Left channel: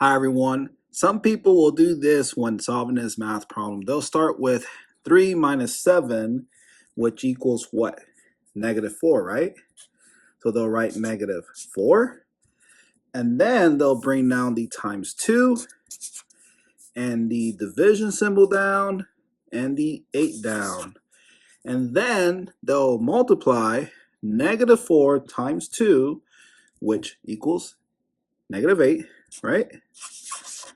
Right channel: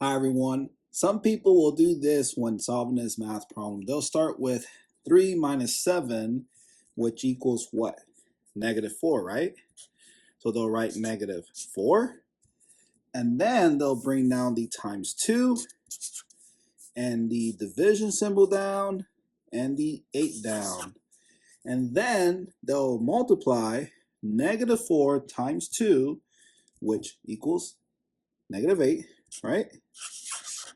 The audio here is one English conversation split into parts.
Hi everyone. Some people will do this when solving this math problem. They'll start with 3 minus 7, which equals what? -4, right? So they'll write -4. And then they'll bring down the times 2 and the division symbol down and the 8 down. And then they'll multiply -4 times 2, which equals -8, right?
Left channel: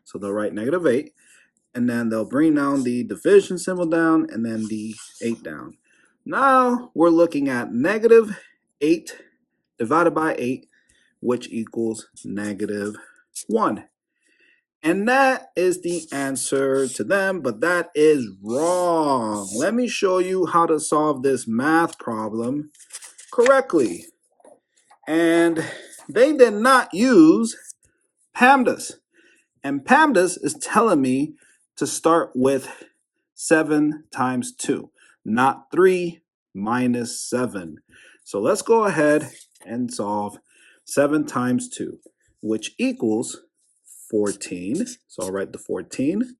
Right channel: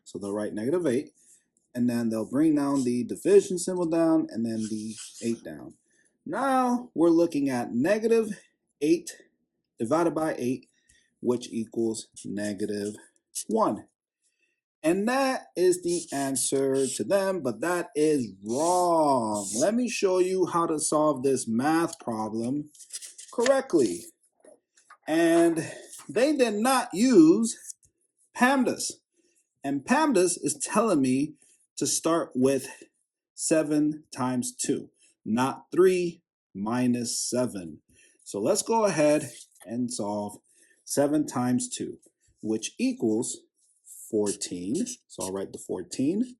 So they'll write -8. And then they'll bring down the division symbol down and then the 8 down. Now we're looking at -8 divided by 8, which equals -1. And that is the answer to them, but that is wrong. Let me show you how to solve this math problem correctly. And they did not use PEMDAS. And PEMDAS is telling me to start with 7 times 2, not 3 minus 7. So let's go ahead and solve 7 times 2, which equals 14. So I'll write the 14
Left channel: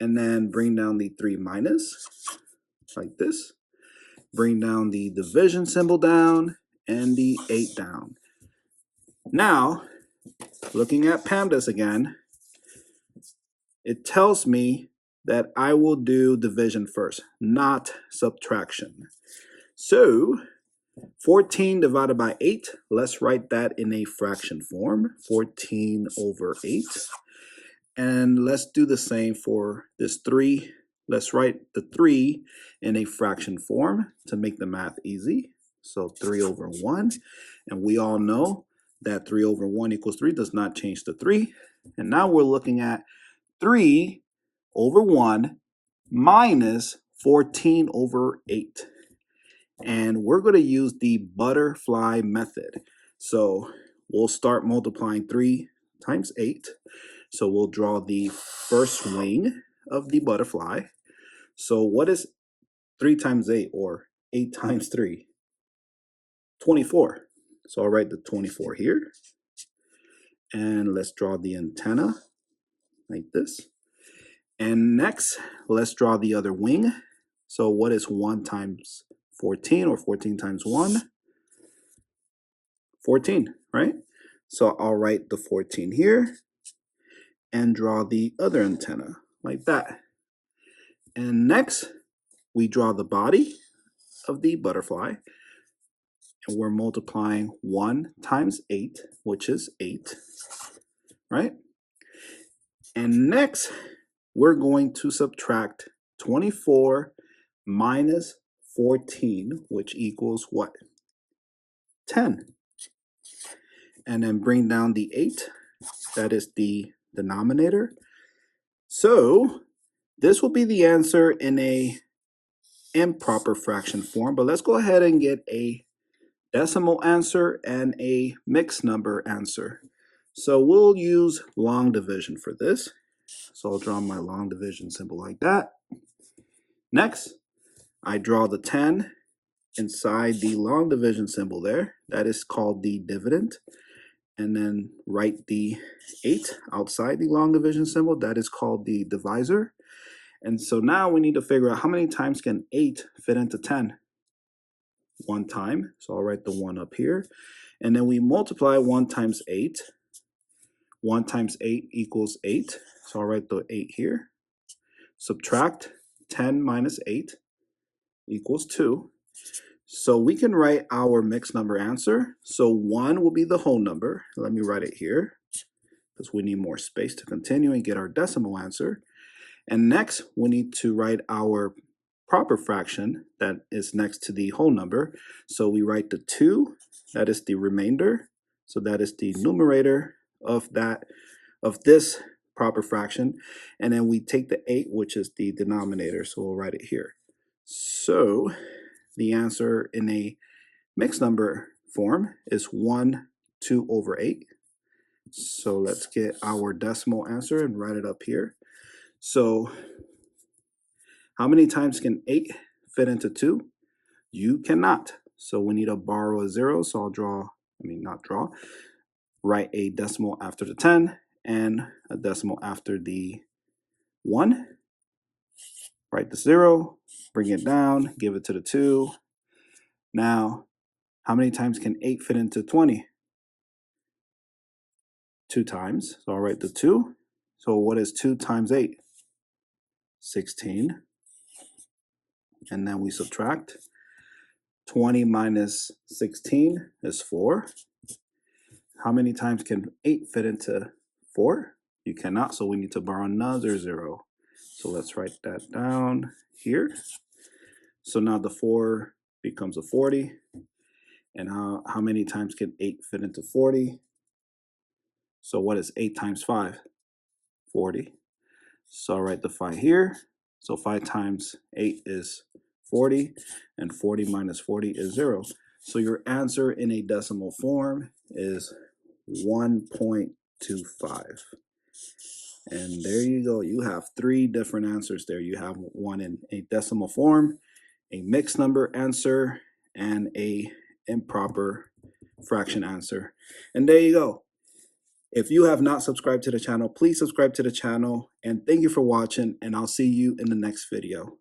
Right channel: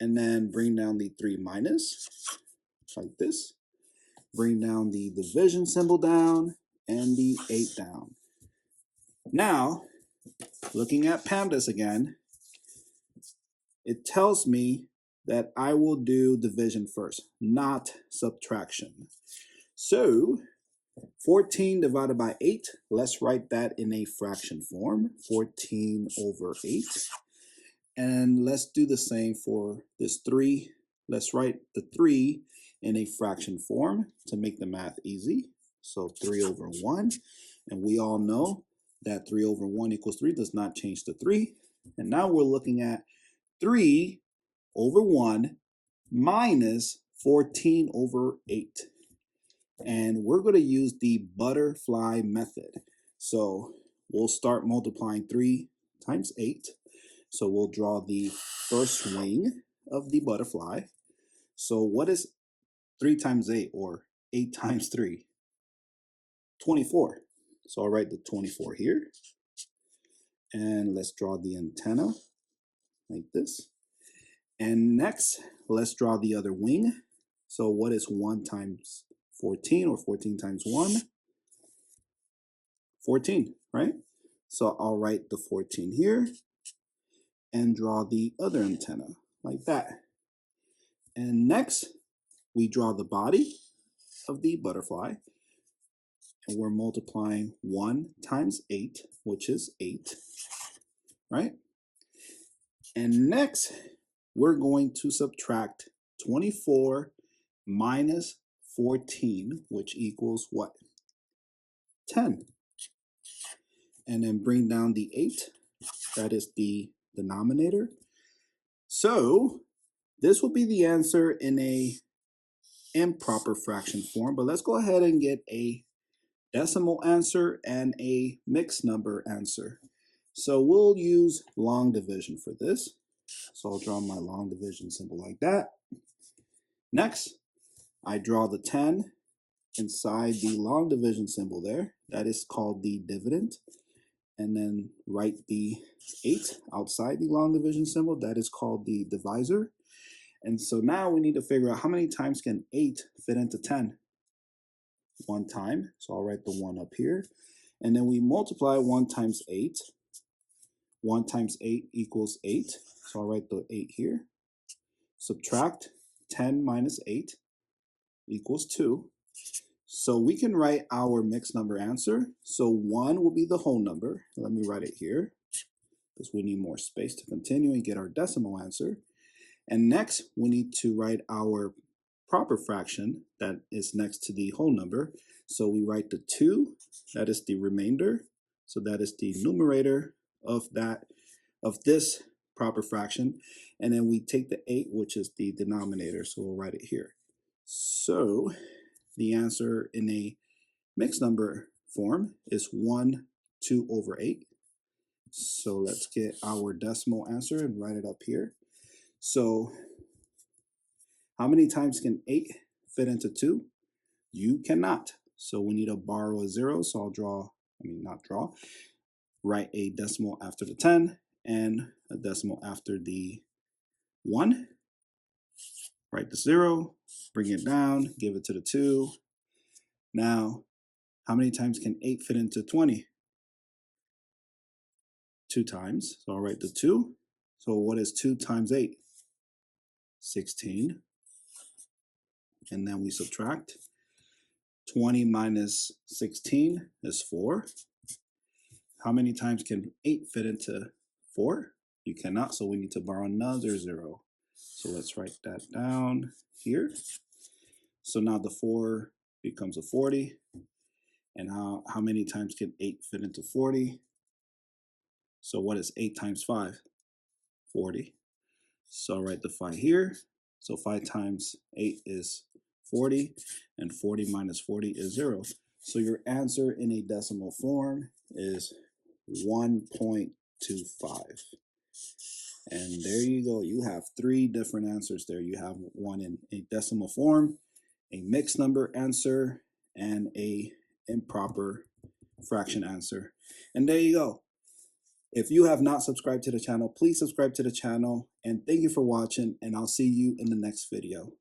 and then bring down the 3 minus like this. Bring down the division symbol down and the 8 down. Now, looking at PEMDAS again, it tells me that I will do division first, not subtraction. So 14 divided by 8, let's write that in a fraction form, 14 over 8. And let's do the same for this 3. Let's write the 3 in a fraction form to make the math easy. So 3 over 1. And we all know that 3 over 1 equals 3 does not change to 3. And now we're looking at 3 over 1 minus 14 over 8. And we're going to use the butterfly method. So we'll start multiplying 3 times 8. So we'll draw the first wing of the butterfly. So what is 3 times 8 or 8 times 3? 24. So I'll write the 24 here. And let's draw the antenna like this. And next, let's draw the other wing. So what is 1 times 14 or 14 times 1? 14, right? So I'll write the 14 here and draw the other antenna like that. And next, we draw the body of the butterfly. And we're multiplying 1 times 8, which is 8, right? And next, we're going to subtract 24 minus 14, which equals what? 10. And then bring down the 8. That is the denominator. So this will be the answer in a improper fraction form, but let's go ahead and get a decimal answer and a mixed number answer. So we'll use long division for this. So I'll draw my long division symbol like that. Next, I draw the 10 inside the long division symbol there. That is called the dividend. And then write the 8 outside the long division symbol. That is called the divisor. And so now we need to figure out how many times can 8 fit into 10? 1 time. So I'll write the 1 up here. And then we multiply 1 times 8. 1 times 8 equals 8. So I'll write the 8 here. Subtract 10 minus 8 equals 2. So we can write our mixed number answer. So 1 will be the whole number. Let me write it here because we need more space to continue and get our decimal answer. And next, we need to write our proper fraction that is next to the whole number. So we write the 2, that is the remainder. So that is the numerator of this proper fraction. And then we take the 8, which is the denominator. So we'll write it here. So the answer in a mixed number form is 1, 2 over 8. So let's get our decimal answer and write it up here. So how many times can 8 fit into 2? You cannot. So we need to borrow a 0. So I'll write a decimal after the 10 and a decimal after the 1. Write the 0, bring it down, give it to the 2. Now, how many times can 8 fit into 20? 2 times. So I'll write the 2. So what is 2 times 8? 16. And then we subtract. 20 minus 16 is 4. How many times can 8 fit into 4? You cannot, so we need to borrow another 0. So let's write that down here. So now the 4 becomes a 40. And how many times can 8 fit into 40? So what is 8 times 5? 40. So I'll write the 5 here. So 5 times 8 is 40, and 40 minus 40 is 0. So your answer in a decimal form is 1.25. And there you go. You have 3 different answers there. You have one in a decimal form, a mixed number answer, and a improper fraction answer. And there you go. If you have not subscribed to the channel, please subscribe to the channel. And thank you for watching, and I'll see you in the next video.